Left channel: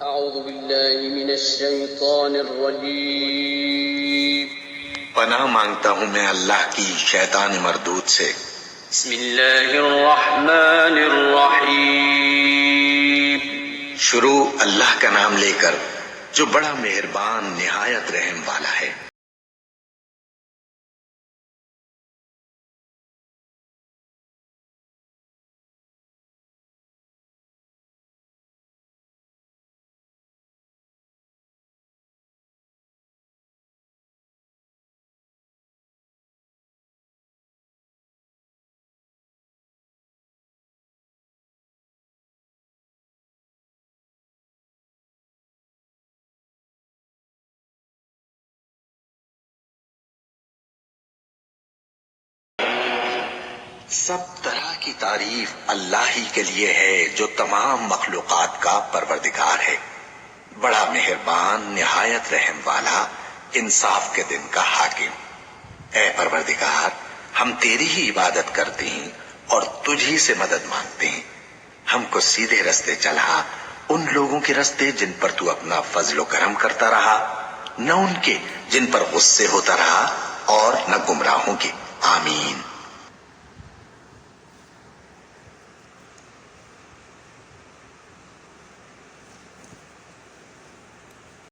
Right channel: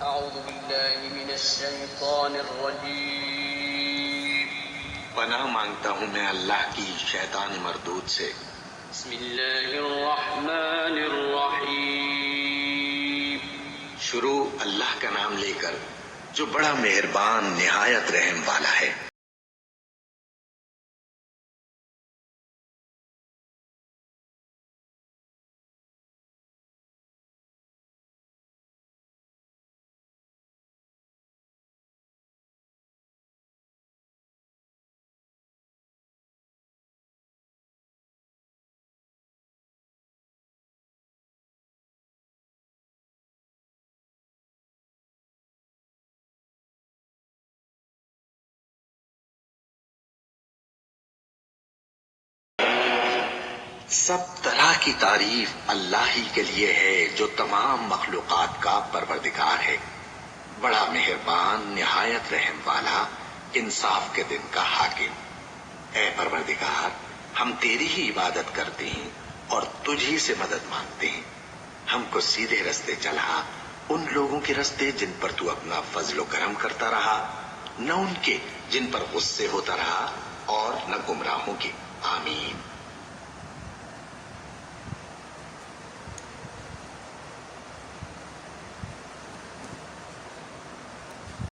أعوذ بالله من الشيطان الرجيم. پناہ مانگتا ہوں میں اللہ کی شیطان مردود سے. بسم الله الرحمن الرحيم. شروع اللہ کا نام لے کر جو بڑا مہربان نہایت رحم والا ہے. سب طرح کی تعریف اللہ ہی کے لیے ہے جو تمام مخلوقات کا پروردگار ہے، بڑا مہربان نہایت رحم والا، انصاف کے دن کا حاکم. اے پروردگار، ہم تیری ہی عبادت کرتے ہیں اور تجھی سے مدد مانگتے ہیں. ہم کو سیدھے رستے چلا، ان لوگوں کے رستے جن پر تو اپنا فضل و کرم کرتا رہا، نہ ان کے جن پر غصے ہوتا رہا، اور نہ گمراہوں کے. آمین.